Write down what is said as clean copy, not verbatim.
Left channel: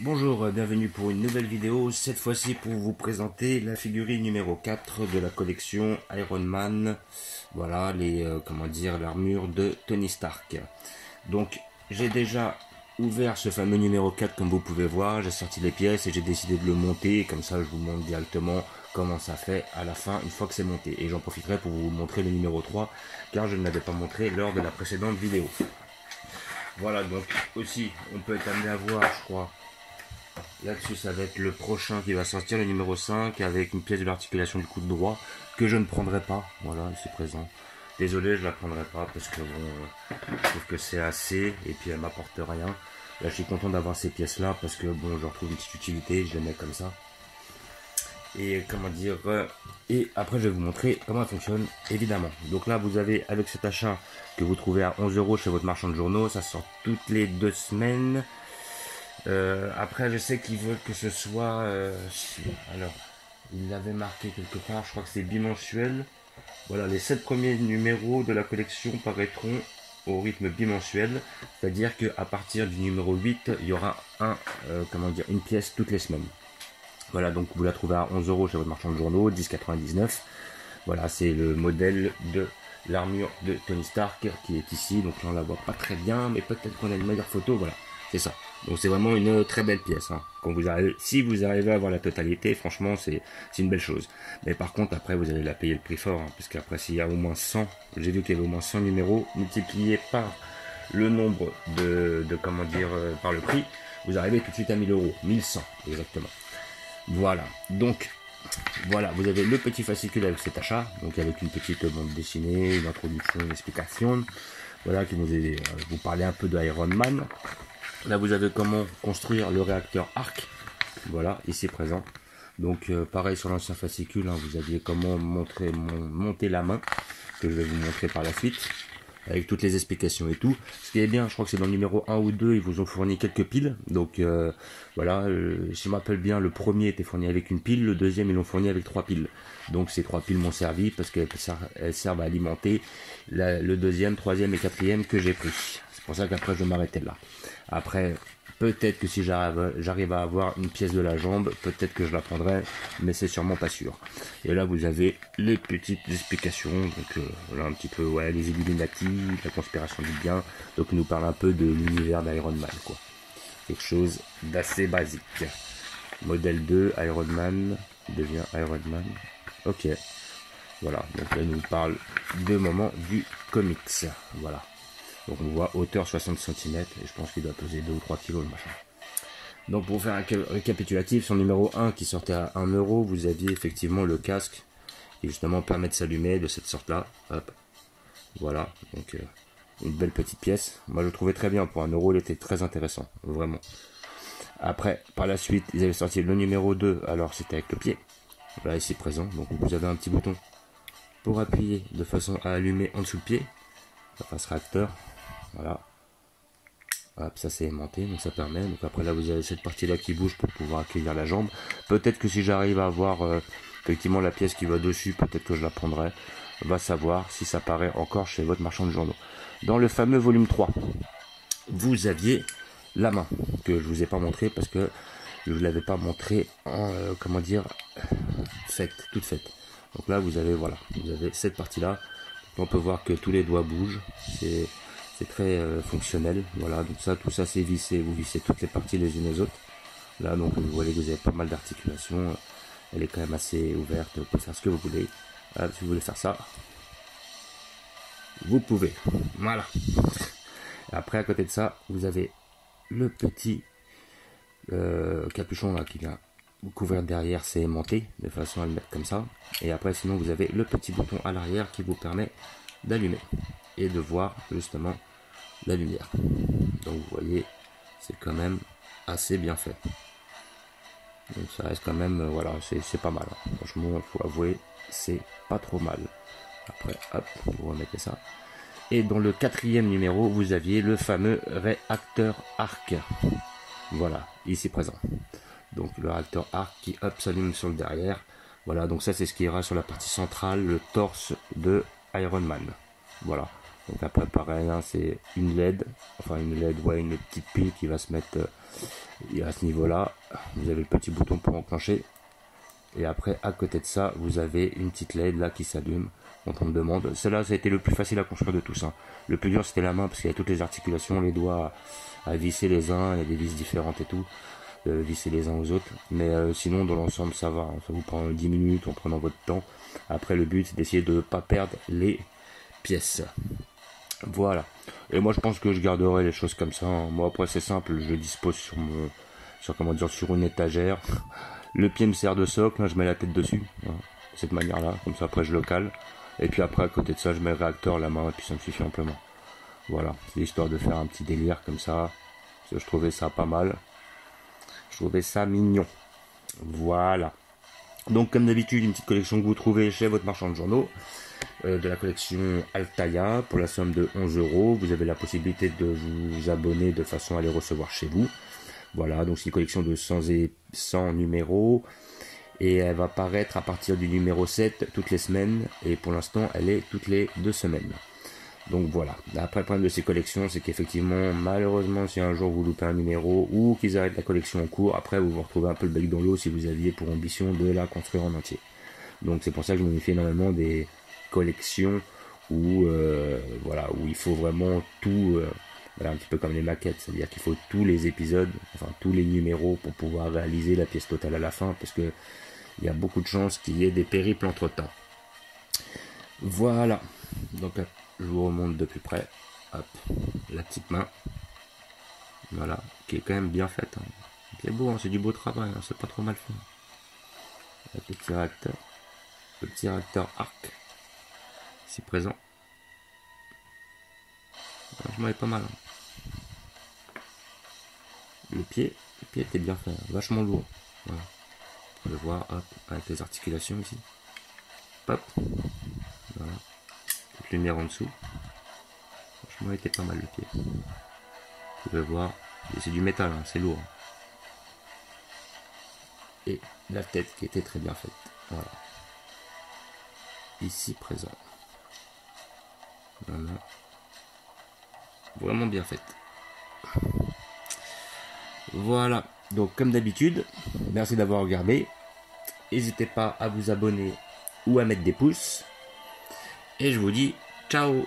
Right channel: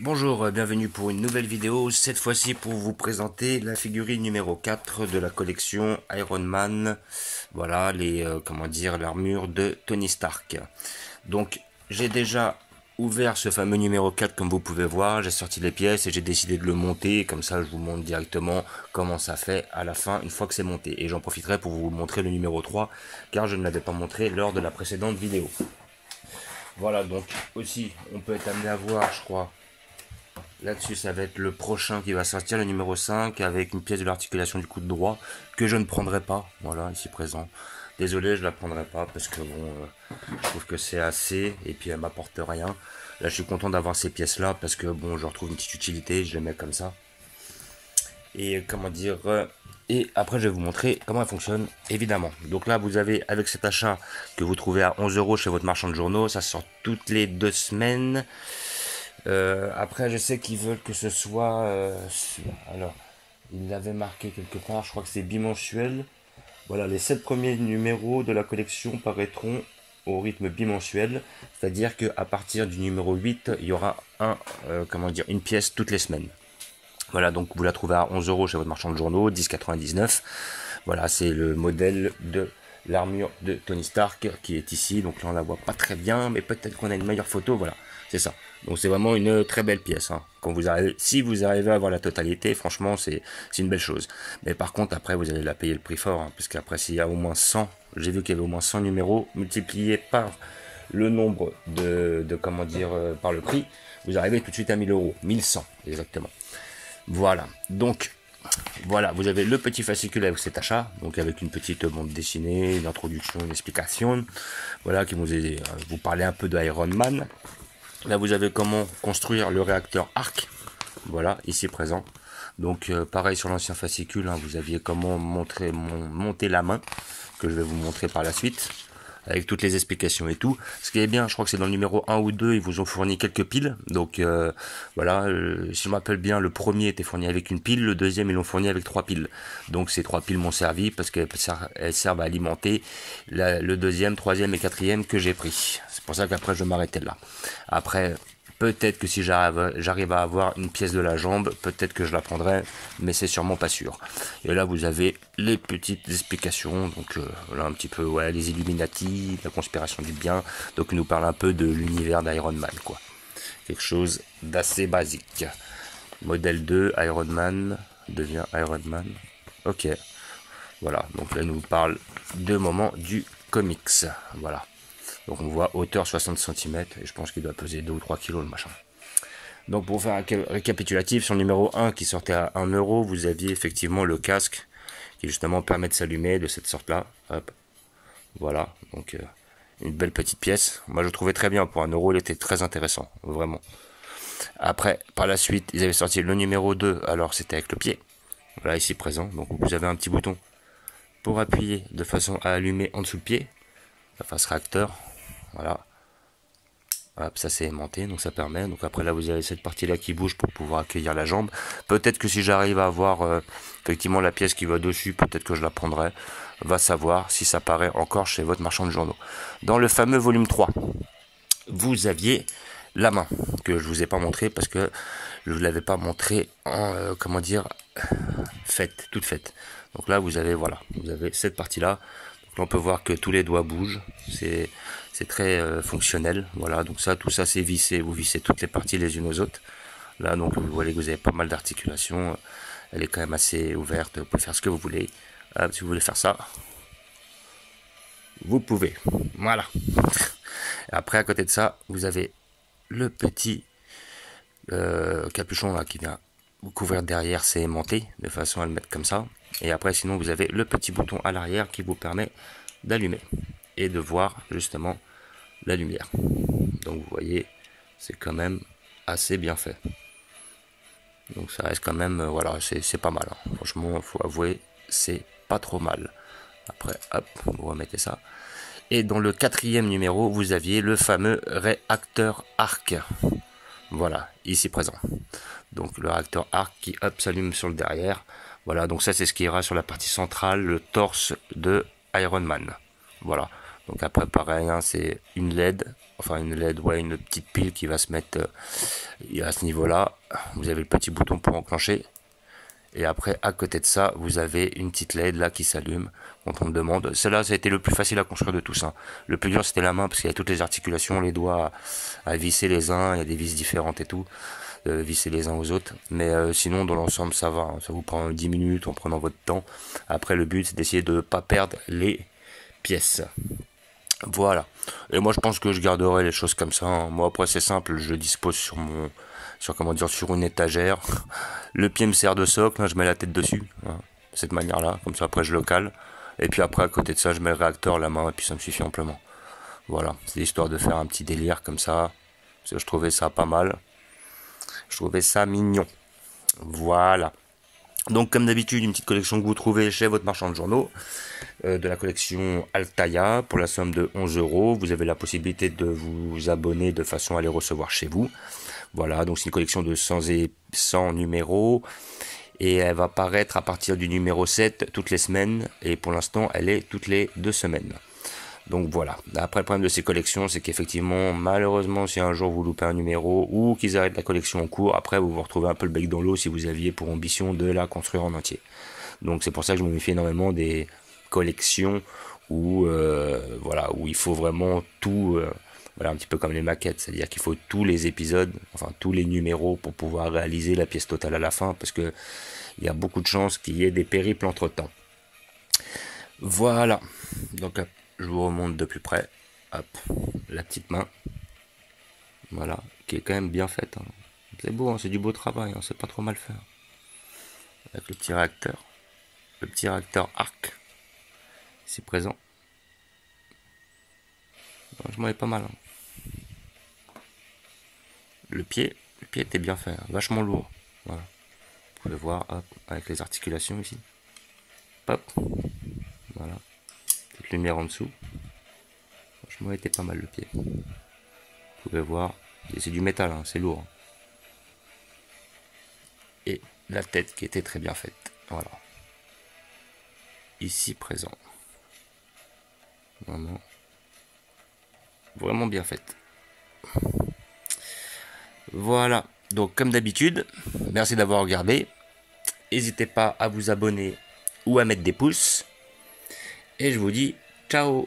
Bonjour, bienvenue pour une nouvelle vidéo, cette fois-ci pour vous présenter la figurine numéro 4 de la collection Iron Man. Voilà, l'armure de Tony Stark. Donc, j'ai déjà ouvert ce fameux numéro 4 comme vous pouvez voir, j'ai sorti les pièces et j'ai décidé de le monter, comme ça je vous montre directement comment ça fait à la fin une fois que c'est monté. Et j'en profiterai pour vous montrer le numéro 3 car je ne l'avais pas montré lors de la précédente vidéo. Voilà, donc aussi on peut être amené à voir, je crois. Là-dessus, ça va être le prochain qui va sortir, le numéro 5, avec une pièce de l'articulation du coude droit, que je ne prendrai pas, voilà, ici présent. Désolé, je la prendrai pas, parce que bon, je trouve que c'est assez, et puis elle m'apporte rien. Là, je suis content d'avoir ces pièces-là, parce que bon, je retrouve une petite utilité, je les mets comme ça. Et comment dire, et après je vais vous montrer comment elle fonctionne, évidemment. Donc là, vous avez, avec cet achat que vous trouvez à 11 € chez votre marchand de journaux, ça sort toutes les 2 semaines. Après, je sais qu'ils veulent que ce soit... alors, il l'avait marqué quelque part, je crois que c'est bimensuel. Voilà, les 7 premiers numéros de la collection paraîtront au rythme bimensuel. C'est-à-dire qu'à partir du numéro 8, il y aura une pièce toutes les semaines. Voilà, donc vous la trouvez à 11 € chez votre marchand de journaux, 10,99. Voilà, c'est le modèle de l'armure de Tony Stark qui est ici. Donc là, on la voit pas très bien, mais peut-être qu'on a une meilleure photo. Voilà, c'est ça. Donc c'est vraiment une très belle pièce. Hein. Si vous arrivez à avoir la totalité, franchement, c'est une belle chose. Mais par contre, après, vous allez la payer le prix fort. Hein, parce qu'après, s'il y a au moins 100, j'ai vu qu'il y avait au moins 100 numéros, multipliés par le nombre par le prix, vous arrivez tout de suite à 1000 €. 1100, exactement. Voilà, donc voilà, vous avez le petit fascicule avec cet achat, donc avec une petite bande dessinée, une introduction, une explication, voilà, qui vous parler un peu de Iron Man. Là, vous avez comment construire le réacteur arc, voilà, ici présent. Donc pareil sur l'ancien fascicule, hein, vous aviez comment monter la main, que je vais vous montrer par la suite, avec toutes les explications et tout. Ce qui est bien, je crois que c'est dans le numéro 1 ou 2, ils vous ont fourni quelques piles. Donc voilà, si je me rappelle bien, le premier était fourni avec une pile, le deuxième ils l'ont fourni avec 3 piles. Donc ces 3 piles m'ont servi parce qu'elles servent à alimenter le deuxième, troisième et quatrième que j'ai pris. C'est pour ça qu'après je vais m'arrêter là. Après, peut-être que si j'arrive à avoir une pièce de la jambe, peut-être que je la prendrai, mais c'est sûrement pas sûr. Et là, vous avez les petites explications. Donc voilà un petit peu, ouais, les Illuminati, la conspiration du bien. Donc il nous parle un peu de l'univers d'Iron Man, quoi. Quelque chose d'assez basique. Modèle 2, Iron Man devient Iron Man. Ok. Voilà, donc là, il nous parle de moments du comics. Voilà. Donc on voit hauteur 60 cm et je pense qu'il doit peser 2 ou 3 kg le machin. Donc pour faire un récapitulatif, sur le numéro 1 qui sortait à 1 €, vous aviez effectivement le casque qui justement permet de s'allumer de cette sorte là. Hop. Voilà, donc une belle petite pièce. Moi je le trouvais très bien, pour 1 €, il était très intéressant, vraiment. Après, par la suite, ils avaient sorti le numéro 2, alors c'était avec le pied. Voilà, ici présent, donc vous avez un petit bouton pour appuyer de façon à allumer en dessous le pied, la face réacteur. Voilà, hop, ça c'est aimanté, donc ça permet. Donc après là vous avez cette partie là qui bouge pour pouvoir accueillir la jambe. Peut-être que si j'arrive à avoir effectivement la pièce qui va dessus, peut-être que je la prendrai. Va savoir si ça paraît encore chez votre marchand de journaux. Dans le fameux volume 3, vous aviez la main que je vous ai pas montré parce que je ne l'avais pas montré en toute faite. Donc là vous avez cette partie là. On peut voir que tous les doigts bougent. C'est très fonctionnel. Voilà, donc tout ça c'est vissé. Vous vissez toutes les parties les unes aux autres. Là, donc vous voyez que vous avez pas mal d'articulations. Elle est quand même assez ouverte. Vous pouvez faire ce que vous voulez. Si vous voulez faire ça, vous pouvez. Voilà. Après, à côté de ça, vous avez le petit capuchon là qui vient vous couvrir derrière, c'est aimanté de façon à le mettre comme ça. Et après, sinon, vous avez le petit bouton à l'arrière qui vous permet d'allumer et de voir justement la lumière. Donc vous voyez, c'est quand même assez bien fait. Donc ça reste quand même, voilà, c'est pas mal. Hein. Franchement, il faut avouer, c'est pas trop mal. Après, hop, vous remettez ça. Et dans le 4e numéro, vous aviez le fameux réacteur arc. Voilà, ici présent. Donc le réacteur arc qui, hop, s'allume sur le derrière. Voilà, donc ça c'est ce qui ira sur la partie centrale, le torse de Iron Man. Voilà, Donc après pareil, hein, c'est une LED, enfin une LED, ouais, une petite pile qui va se mettre à ce niveau-là. Vous avez le petit bouton pour enclencher. Et après, à côté de ça, vous avez une petite LED là qui s'allume quand on me demande. Celle-là, ça a été le plus facile à construire de tous. Hein. Le plus dur, c'était la main parce qu'il y a toutes les articulations, les doigts à visser les uns, il y a des vis différentes et tout, visser les uns aux autres. Mais sinon, dans l'ensemble, ça va. Hein. Ça vous prend 10 minutes en prenant votre temps. Après, le but, c'est d'essayer de ne pas perdre les pièces. Voilà. Et moi, je pense que je garderai les choses comme ça. Hein. Moi, après, c'est simple. Je dispose sur sur une étagère. Le pied me sert de socle. Là, je mets la tête dessus. Voilà. De cette manière-là. Comme ça, après, je le cale. Et puis après, à côté de ça, je mets le réacteur, la main. Et puis, ça me suffit amplement. Voilà. C'est histoire de faire un petit délire comme ça. Parce que je trouvais ça pas mal. Je trouvais ça mignon. Voilà. Donc, comme d'habitude, une petite collection que vous trouvez chez votre marchand de journaux. De la collection Altaïa pour la somme de 11 €. Vous avez la possibilité de vous abonner de façon à les recevoir chez vous. Voilà, donc c'est une collection de 100 numéros et elle va paraître à partir du numéro 7 toutes les semaines et pour l'instant elle est toutes les 2 semaines. Donc voilà, après le problème de ces collections c'est qu'effectivement malheureusement si un jour vous loupez un numéro ou qu'ils arrêtent la collection en cours, après vous vous retrouvez un peu le bec dans l'eau si vous aviez pour ambition de la construire en entier. Donc c'est pour ça que je me méfie énormément des collections où voilà, où il faut vraiment tout, voilà, un petit peu comme les maquettes, c'est-à-dire qu'il faut tous les épisodes, enfin tous les numéros pour pouvoir réaliser la pièce totale à la fin, parce que il y a beaucoup de chances qu'il y ait des périples entre temps. Voilà, donc je vous remonte de plus près. Hop, la petite main, voilà, qui est quand même bien faite. Hein. C'est beau, hein, c'est du beau travail, hein, c'est pas trop mal fait. Avec le petit réacteur arc. Ici présent. Franchement, il est pas mal. Hein. Le pied était bien fait, hein, vachement lourd. Voilà. Vous pouvez voir, hop, avec les articulations ici. Hop. Voilà. Petite lumière en dessous. Franchement, il était pas mal le pied. Vous pouvez voir, c'est du métal, hein, c'est lourd. Et la tête qui était très bien faite. Voilà. Ici présent. Voilà. Vraiment bien faite. Voilà. Donc comme d'habitude, merci d'avoir regardé. N'hésitez pas à vous abonner ou à mettre des pouces. Et je vous dis ciao.